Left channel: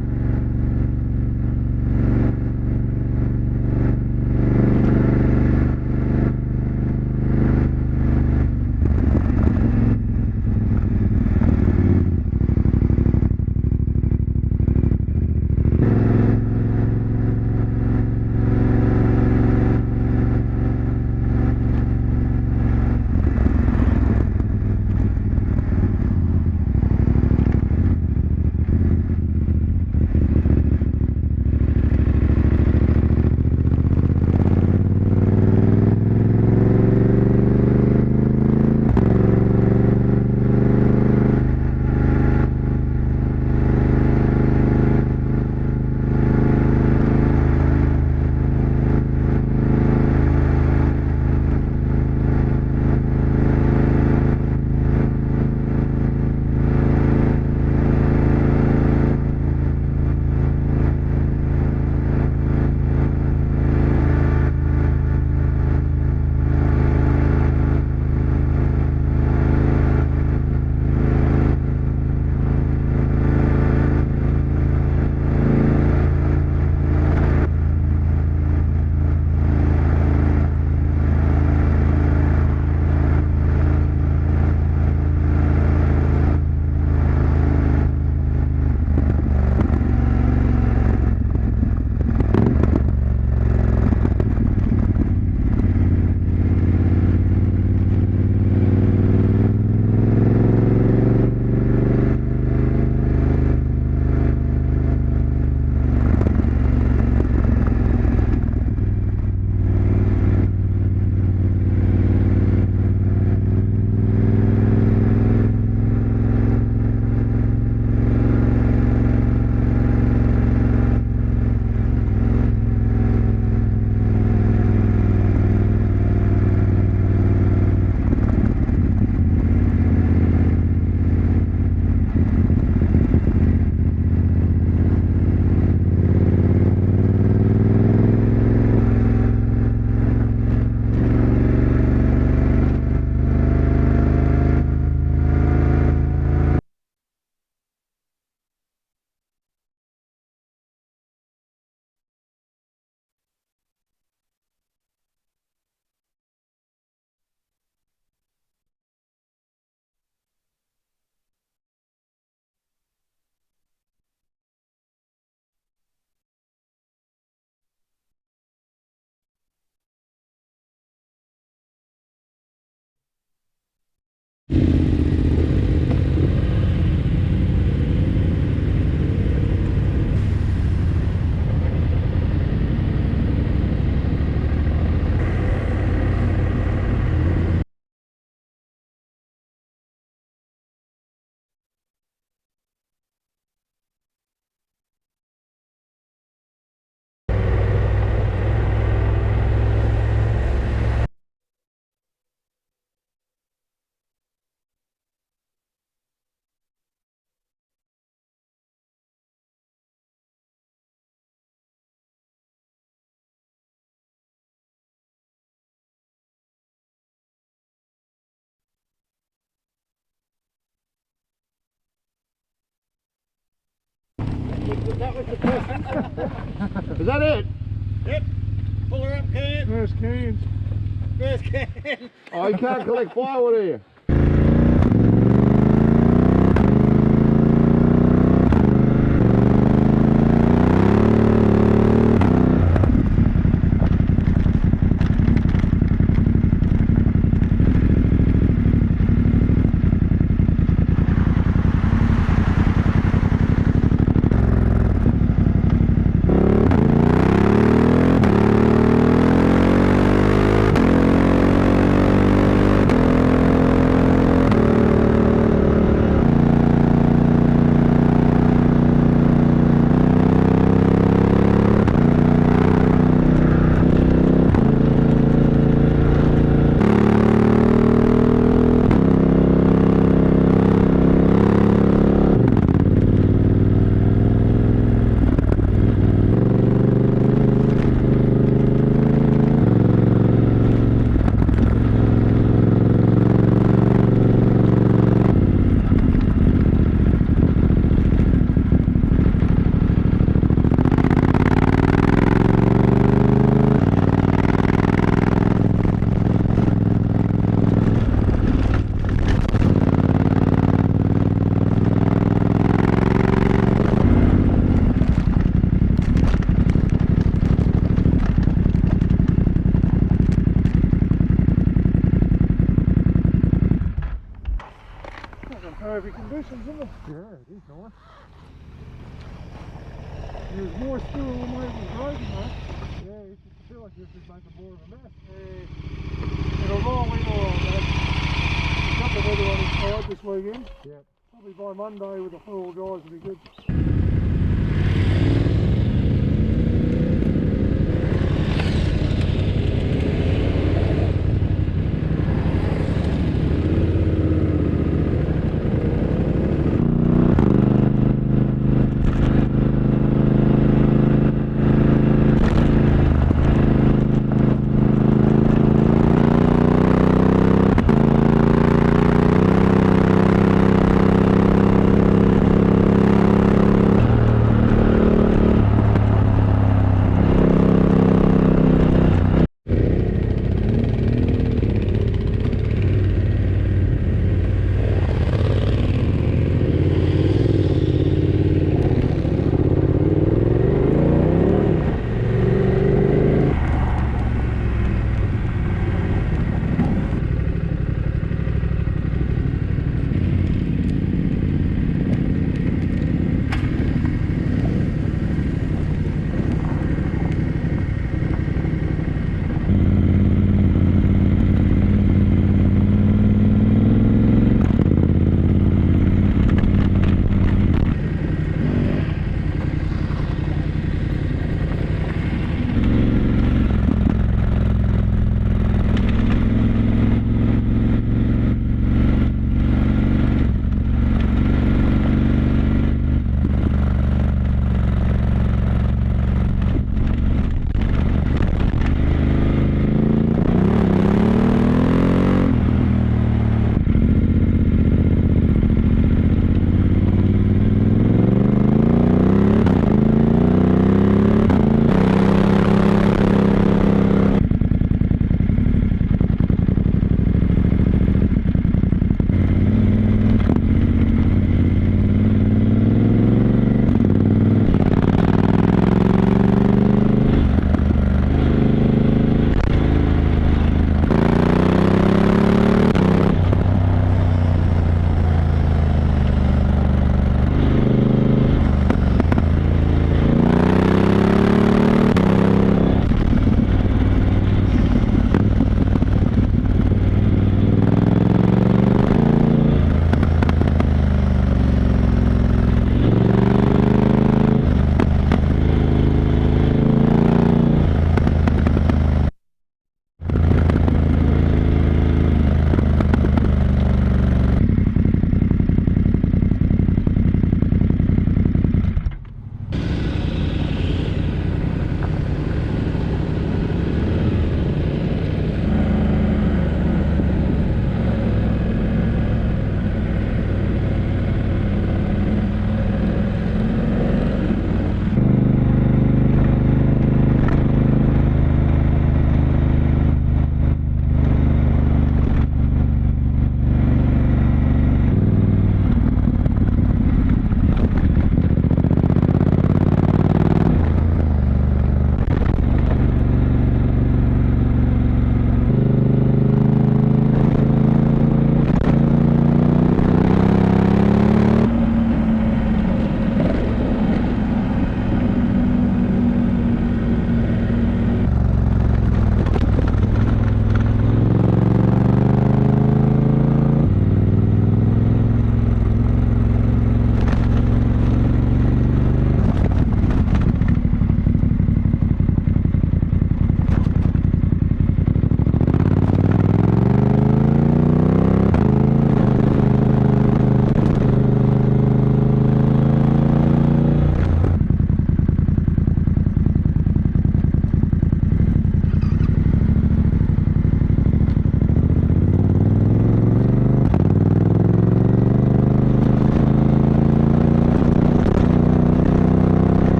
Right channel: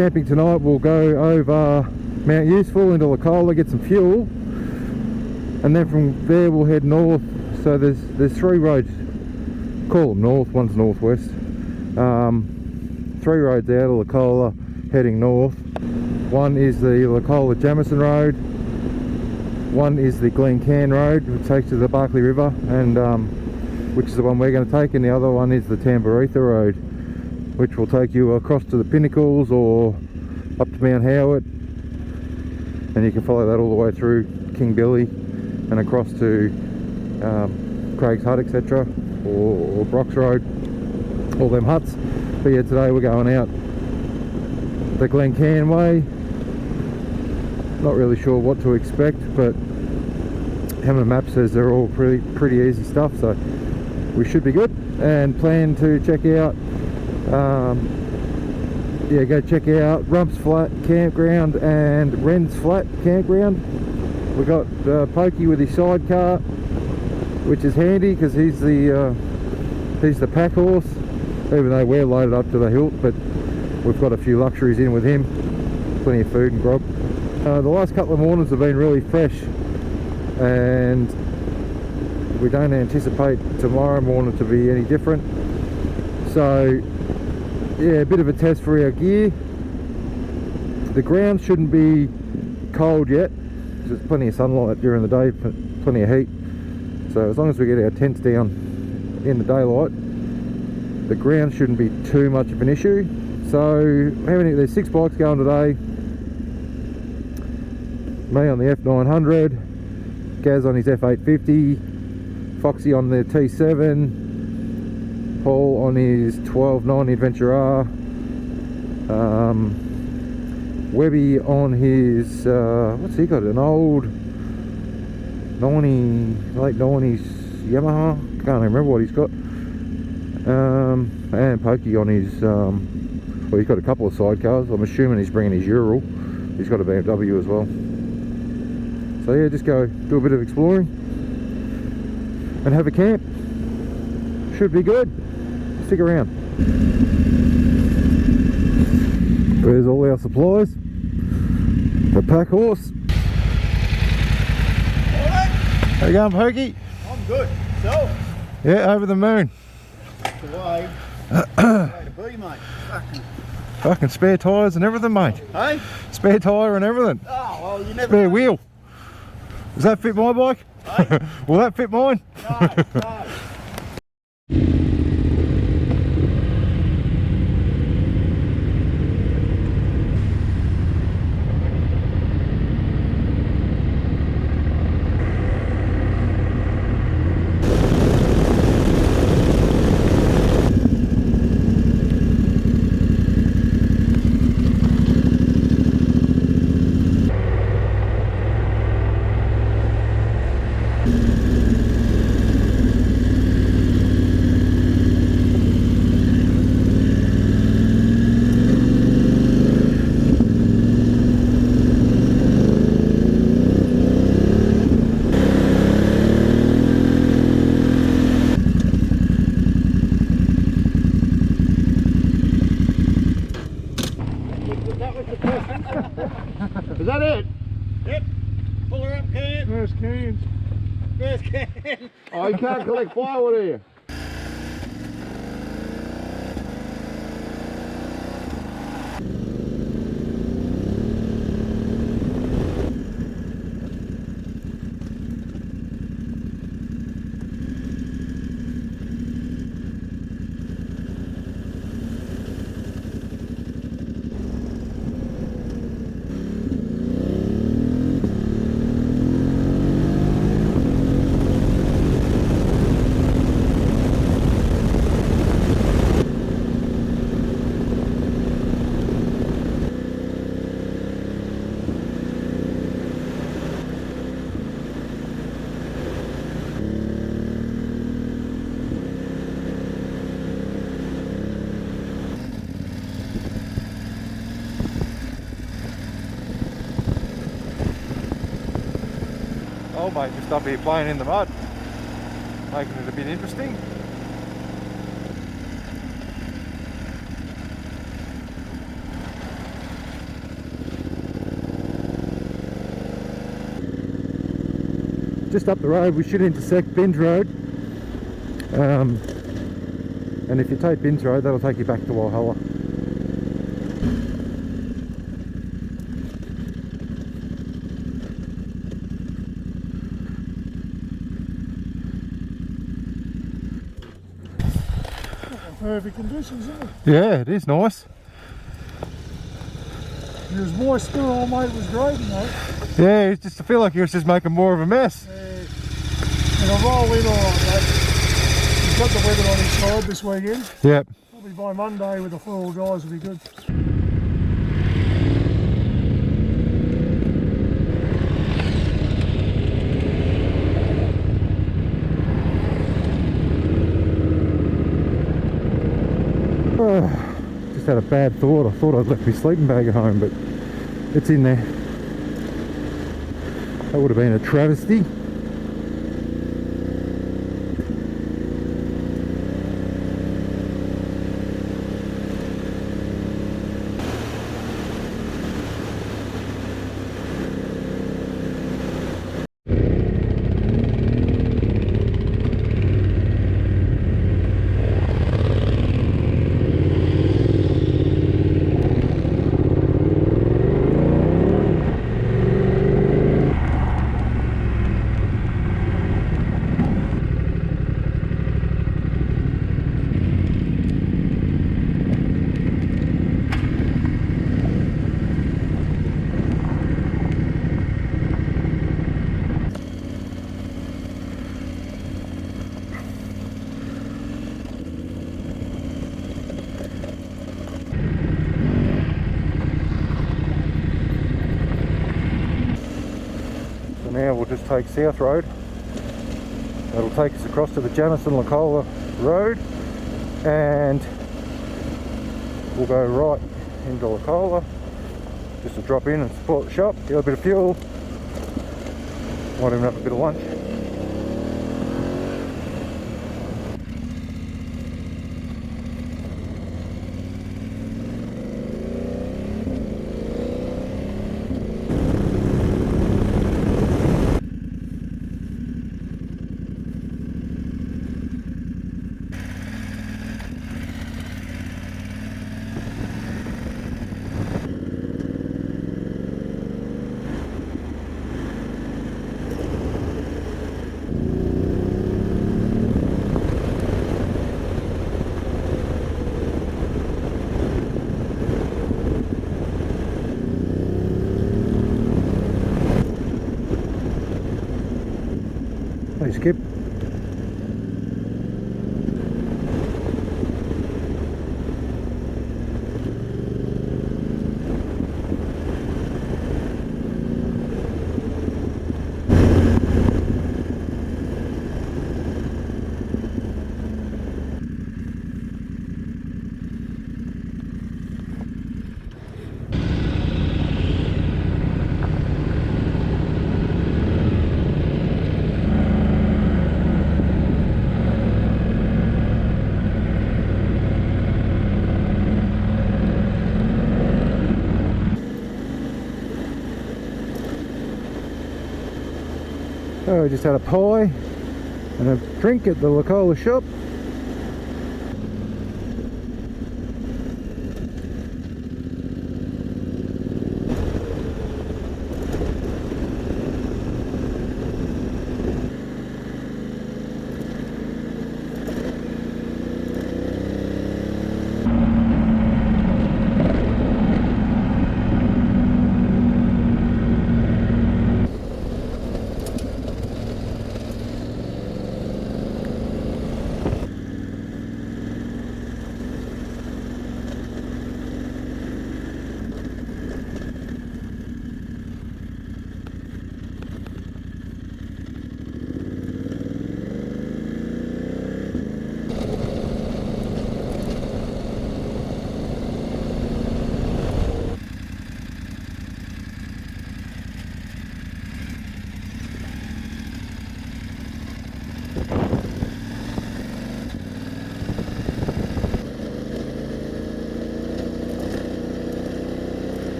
camping tonight, we'll go over Mount Useful into Licola, get some fuel, and then from there we'll head north. So there's 3 roads, call them north, one's northwest. 3 roads out of Licola heading north. One is the Licola Jamison Road, one is the Glen Cairn Road, which takes to the Barkley River, and which is the one we're going to take, and the other one is the Tambaretha Road, which will take you across to the Pinnacles or up to Mount Howard, and you can follow that all the way through King Billy and across to Craig's Hut, etc., or Brock's Road, all them huts. But yeah, today we're going out the Glen Cairn way. Not really sure what to expect, but Hammer Map says they're all pretty easy stuff, so we should be good. And plan to check out go check out Wrens Flat Campground and Wrens Flat Campground. We got Pokey with his sidecar, which is handy because he's the pack horse, even though we're loaded up to the hilt, but we've got a few luxuries in with him, plenty of food and grog. The last couple of mornings have been really fresh, and we don't anticipate tomorrow morning to be any different. So yeah, a bit of a test for our gear. The ground shouldn't be cold yet. There's plenty of sunlight during the day, plenty of heat. So as long as we get our tents down in the daylight, the ground shouldn't be too much of an issue. So there's 6 bikes going today. Me on the F900, Gaz on his F850, Foxy on the T7, Paul on his 1290 Adventure R, Webby on his what's he got, an old late 90s Yamaha, can't remember what he's got, and Pokey on his well, he's got a couple of sidecars. I'm assuming he's bringing his Ural. He's got a BMW as well. So yeah, just go do a bit of exploring and have a camp. Should be good. Stick around. There's all our supplies. The pack horse. How you going, Pokey? I'm good. So? Yeah, over the moon. That's the way. Way to be, mate. Fucking spare tyres and everything, mate. Hey? Spare tyre and everything. Oh, well, you never... Spare wheel. Does that fit my bike? Hey? Will that fit mine? No, no. Is that it? Yep. Pull her up, can. There's cans. There's can. Oh, you can't collect firewood here. road, we should intersect Binns Road. And if you take Binns Road, that'll take you back to Walhalla. Perfect conditions, isn't it? Yeah, it is nice. It was moist still, all mate, it was great, you know. Yeah, it's just, I feel like he was just making more of a mess. And I'll roll in alright, mate. He's got the weather on his side this weekend. Yep. Probably by Monday with the 4 guys will be good. Just had a bad thought. I thought I'd left my sleeping bag at home, but it's in there. That would have been a travesty. Take South Road. It'll take us across to the Janice and Licola Road, and we'll go right into Licola just to drop in and support the shop, get a bit of fuel, might even have a bit of lunch. So I just had a pie and a drink at the Licola shop.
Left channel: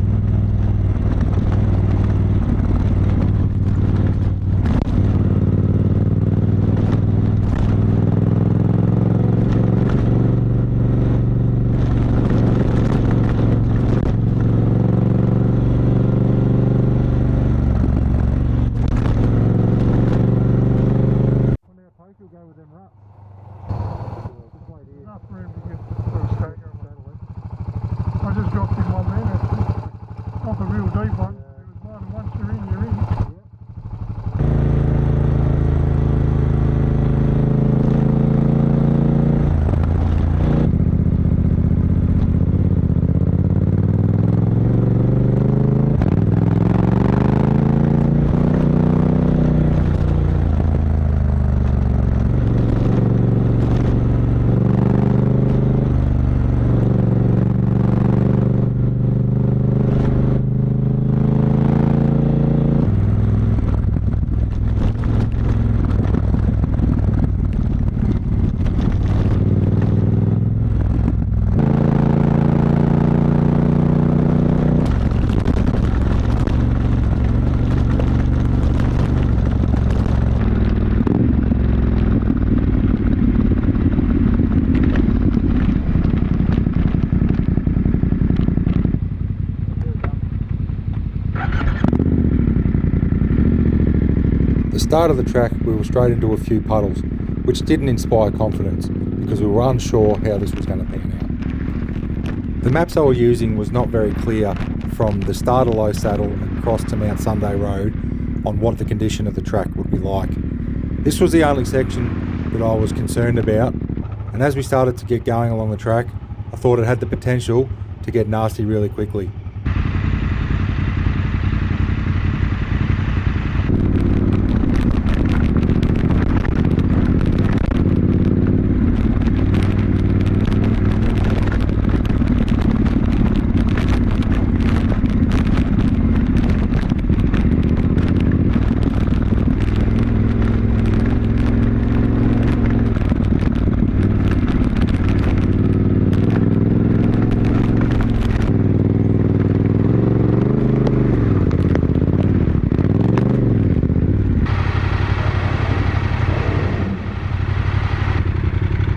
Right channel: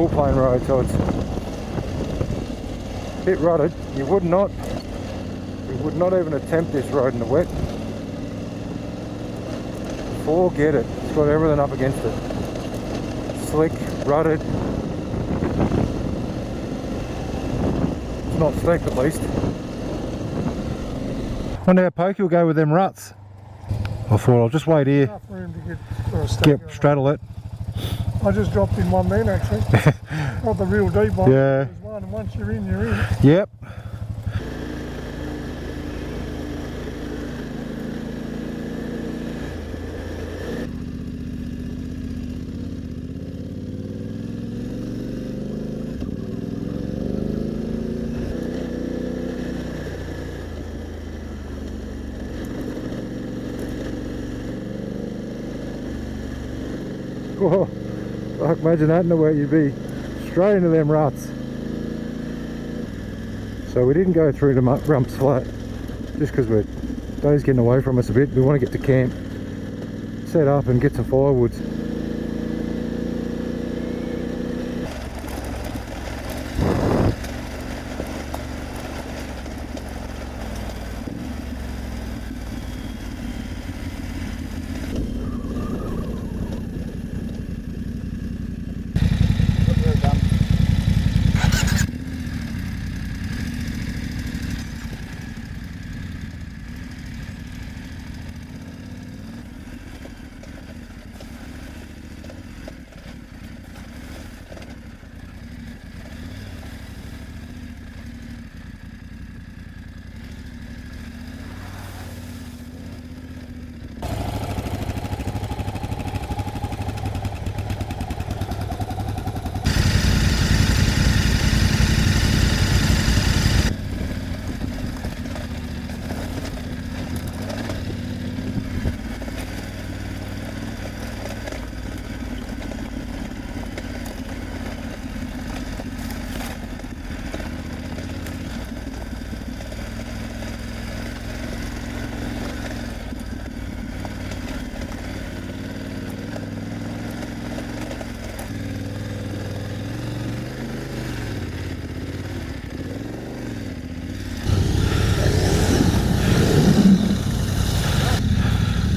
all plain road, so it's a bit rutted. You would not even attempt this road in the wet. Forget it. It's got everything up against it. Slick, rutted. It's not stacked at least. Wonder how Pokey will go with them ruts. I thought I'll just wait here. Enough room to get Straddle it. I just dropped in one then actually. Not the real deep one. Yeah. There's one, and once you're in, you're in. Yep. Imagine that in the way you'd be straight into them ruts. So we didn't go through to Wrens Flat just because we're those getting away from us a bit. We want to get to camp, set up and get some firewood. Start of the track we were straight into a few puddles, which didn't inspire confidence because we were unsure how this was going to pan out. The maps I was using was not very clear from the start of Low Saddle across to Mount Sunday Road on what the condition of the track would be like. This was the only section that I was concerned about, and as we started to get going along the track I thought it had the potential to get nasty really quickly.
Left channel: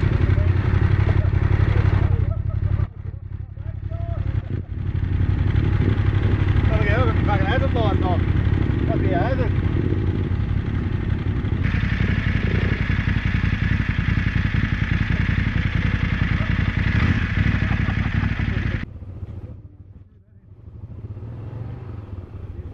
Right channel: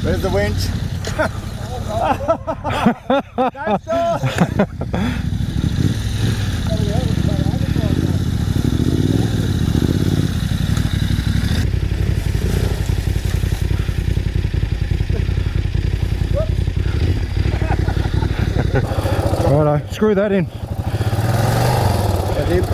There's the winch. Righto, screw that in. That's it.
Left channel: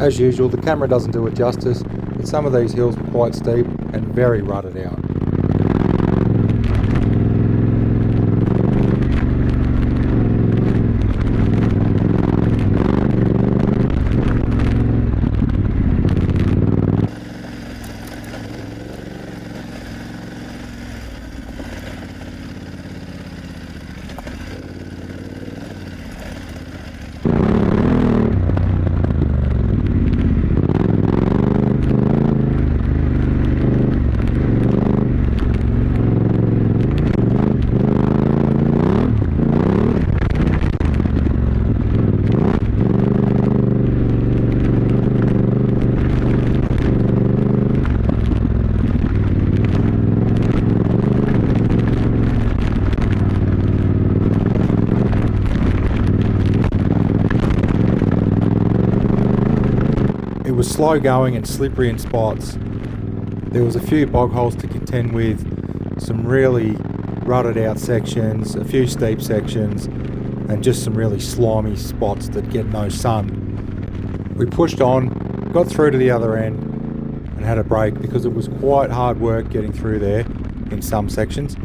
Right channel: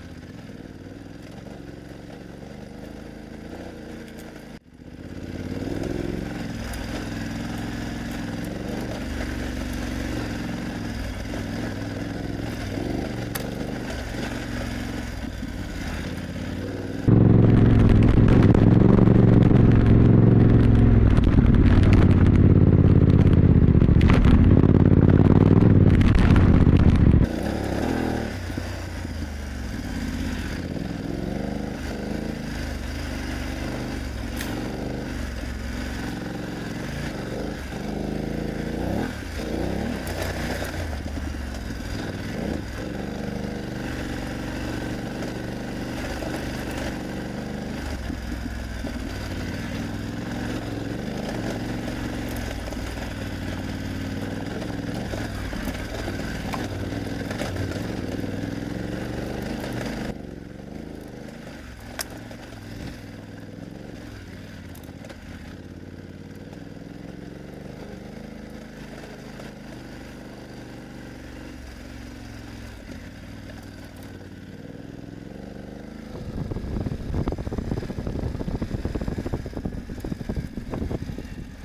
As usual, the camera doesn't do it justice, but some of these hills were quite steep and very rutted out. It was slow going and slippery in spots. There was a few bog holes to contend with, some really rutted out sections, a few steep sections, and just some really slimy spots that get no sun. We pushed on, got through to the other end and had a break because it was quite hard work getting through there in some sections.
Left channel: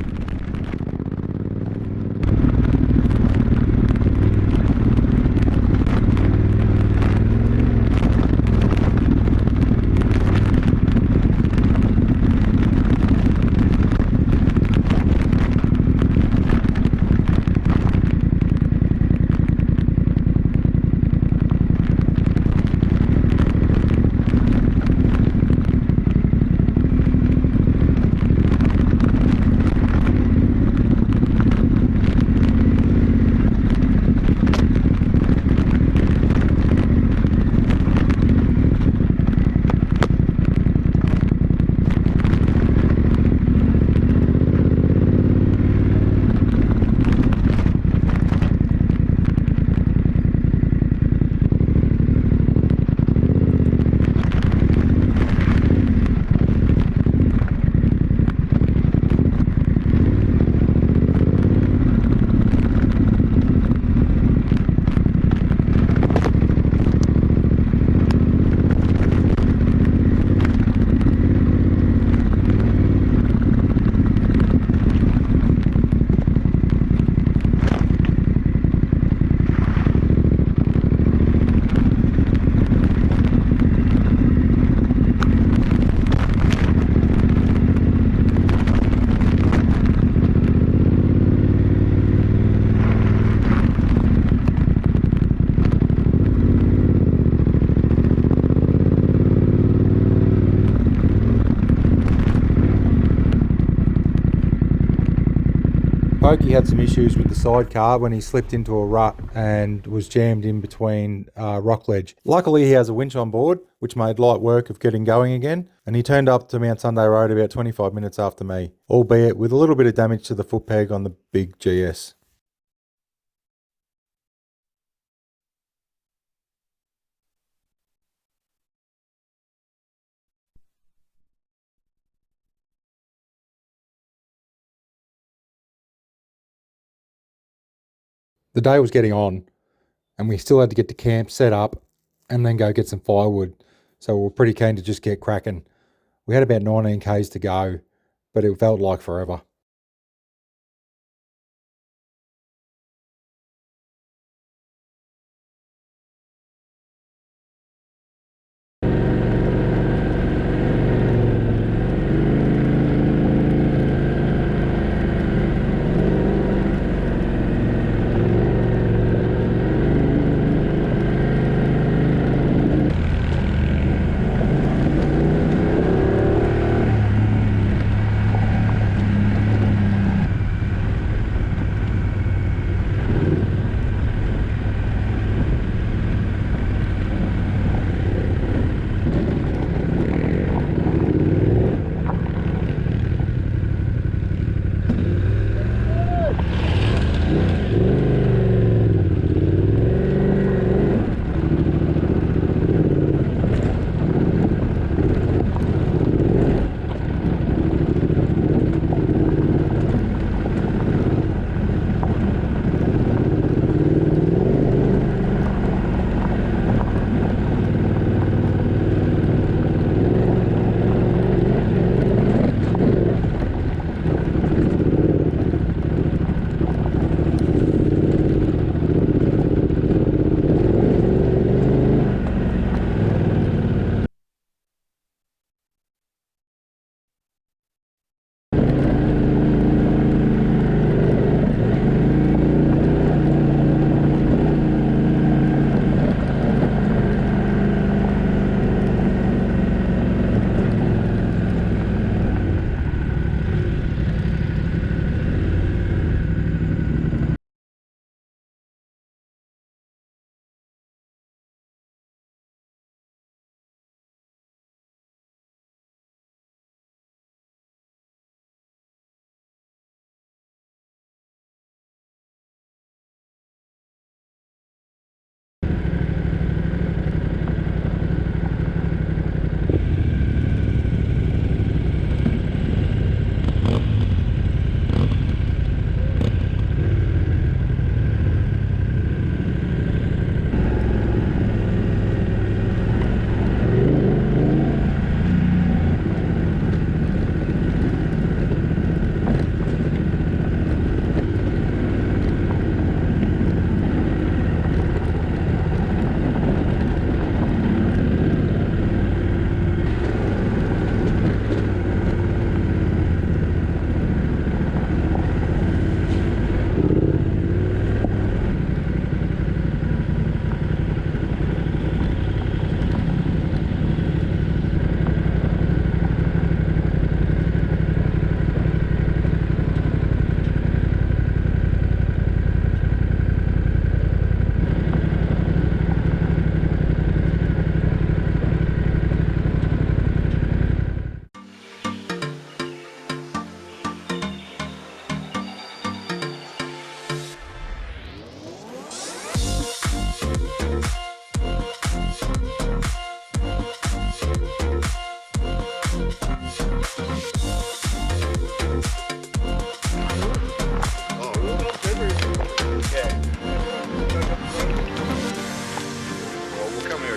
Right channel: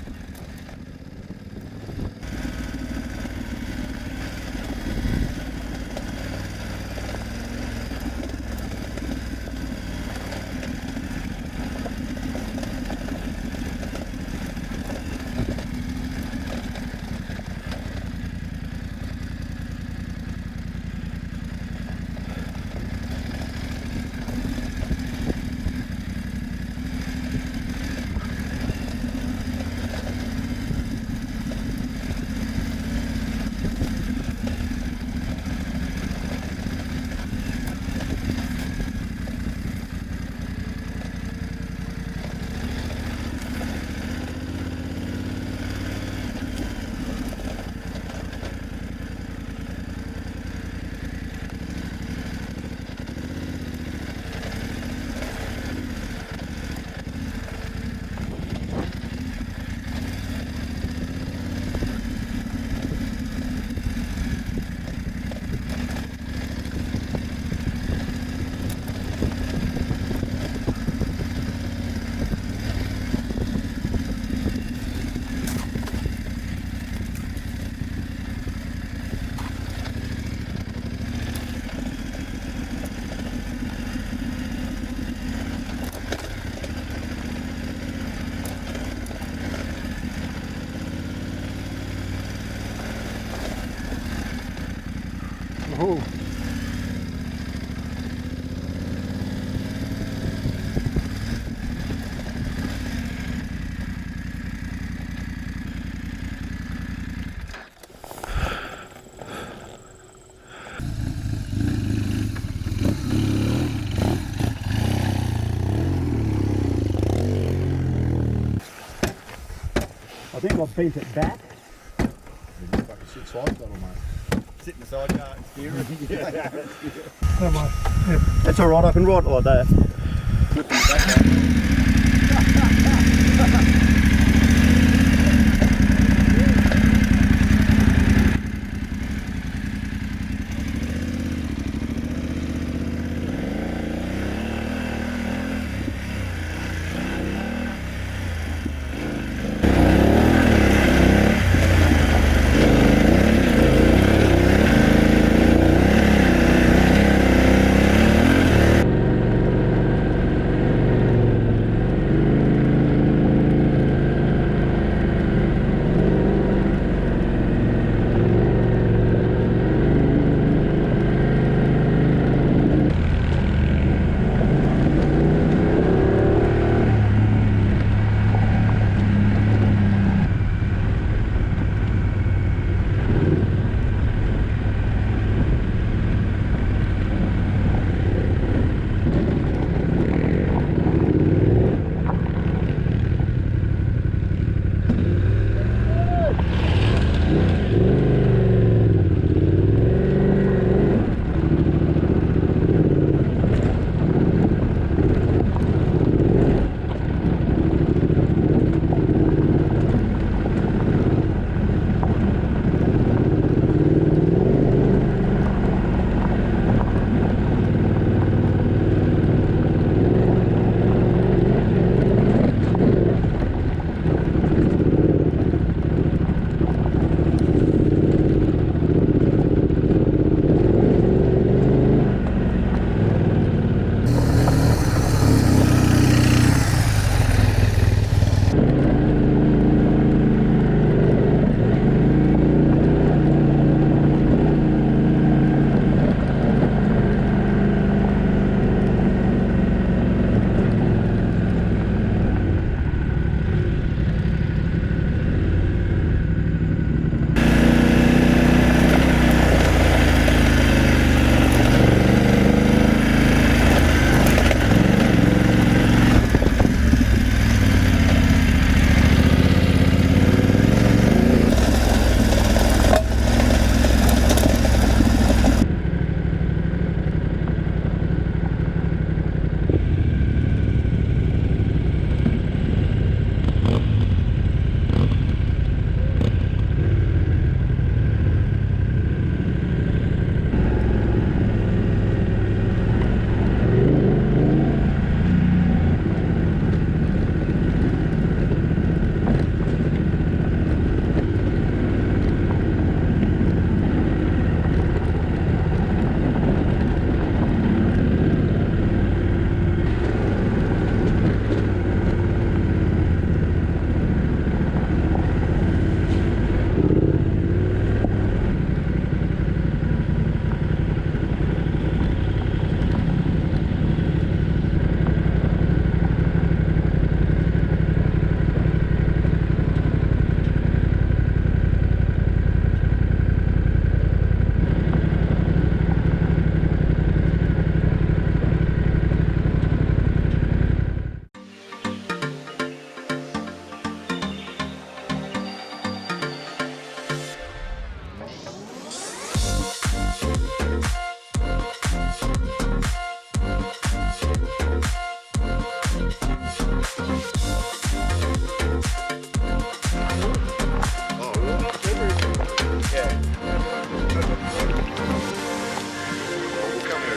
Pokey had some issues with the sidecar when he slipped into a rut and was jammed in between rock wedge. Luckily he has a winch on board, which made light work of getting going again, and he turned up to Mount Sunday Road about 25 minutes after me, albeit with a little bit of damage to the foot peg on the big GS. Sit in the sidecar, steer it. Don't mind. Yeah. That's alright, I can ride like that. Flip the back The day was getting on, and we still had to get the camp set up and then go get some firewood, so we were pretty keen to just get cracking. We had about 19 k's to go, but it felt like forever.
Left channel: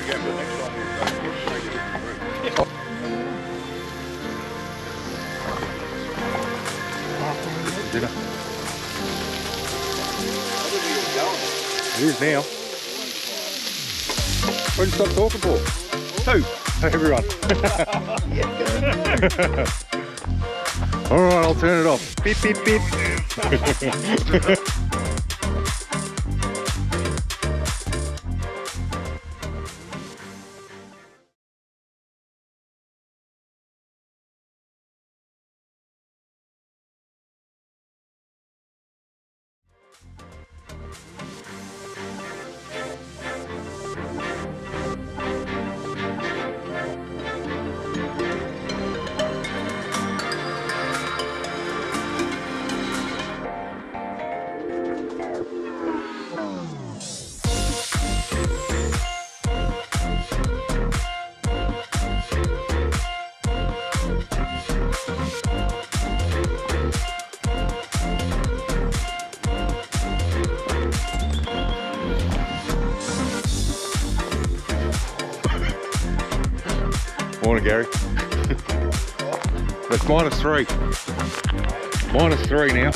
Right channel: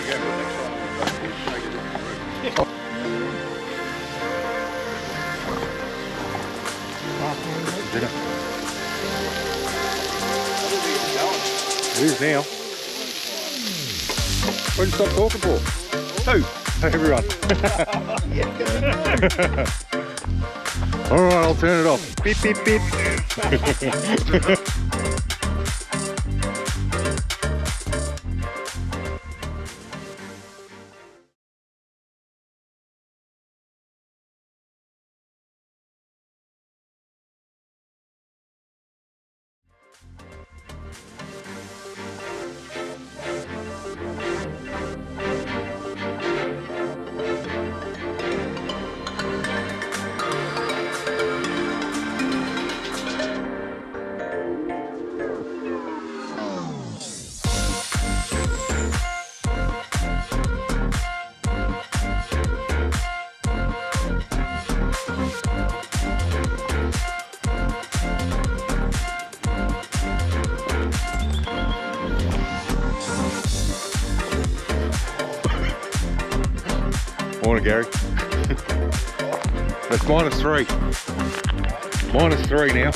again, but next time we'll take a different route. Dinner. I didn't think it was going. It is now. What did you stop talking for? Who? Everyone. Alright, I'll turn it off. Beep, beep, beep. Morning, Gary. That's -3. -3 now.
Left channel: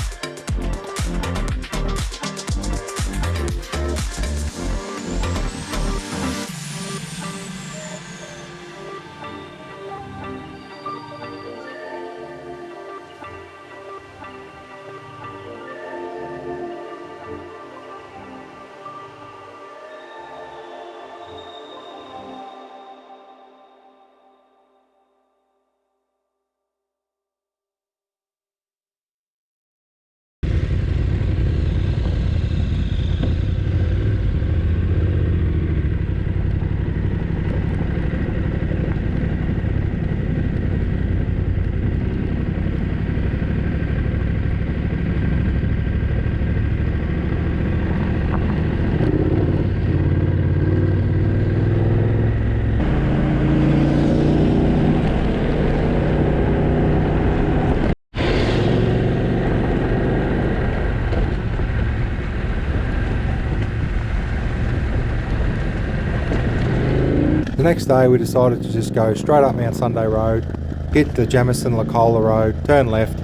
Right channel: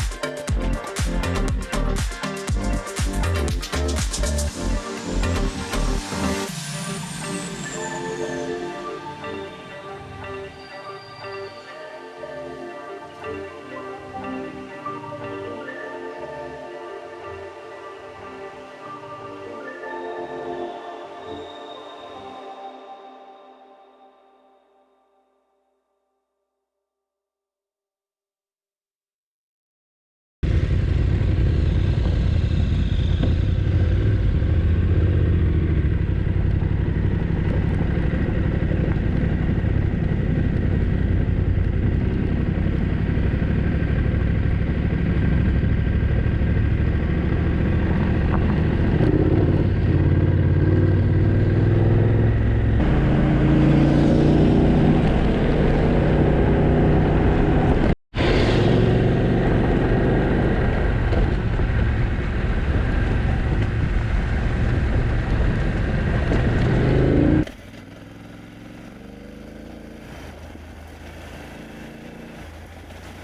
The next day we decided to just go straight up Mount Sunday Road, hit the Jamison Licola Road, turn left,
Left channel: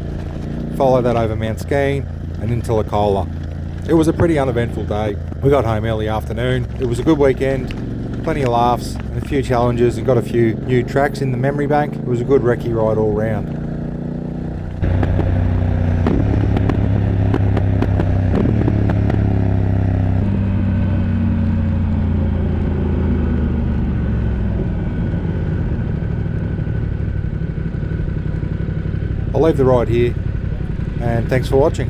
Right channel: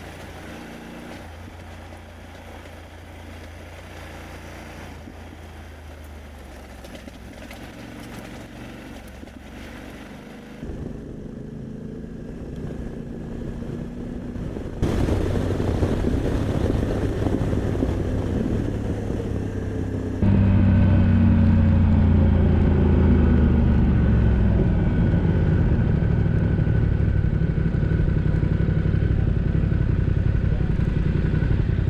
follow that over Mount Skeen and into Licola. It was a pretty uneventful day. We got home early afternoon. It was a good weekend, plenty of laughs, a few challenges, and got a few new tracks in the memory bank. It was a good recce ride all round. I'll leave the ride here, and thanks for watching.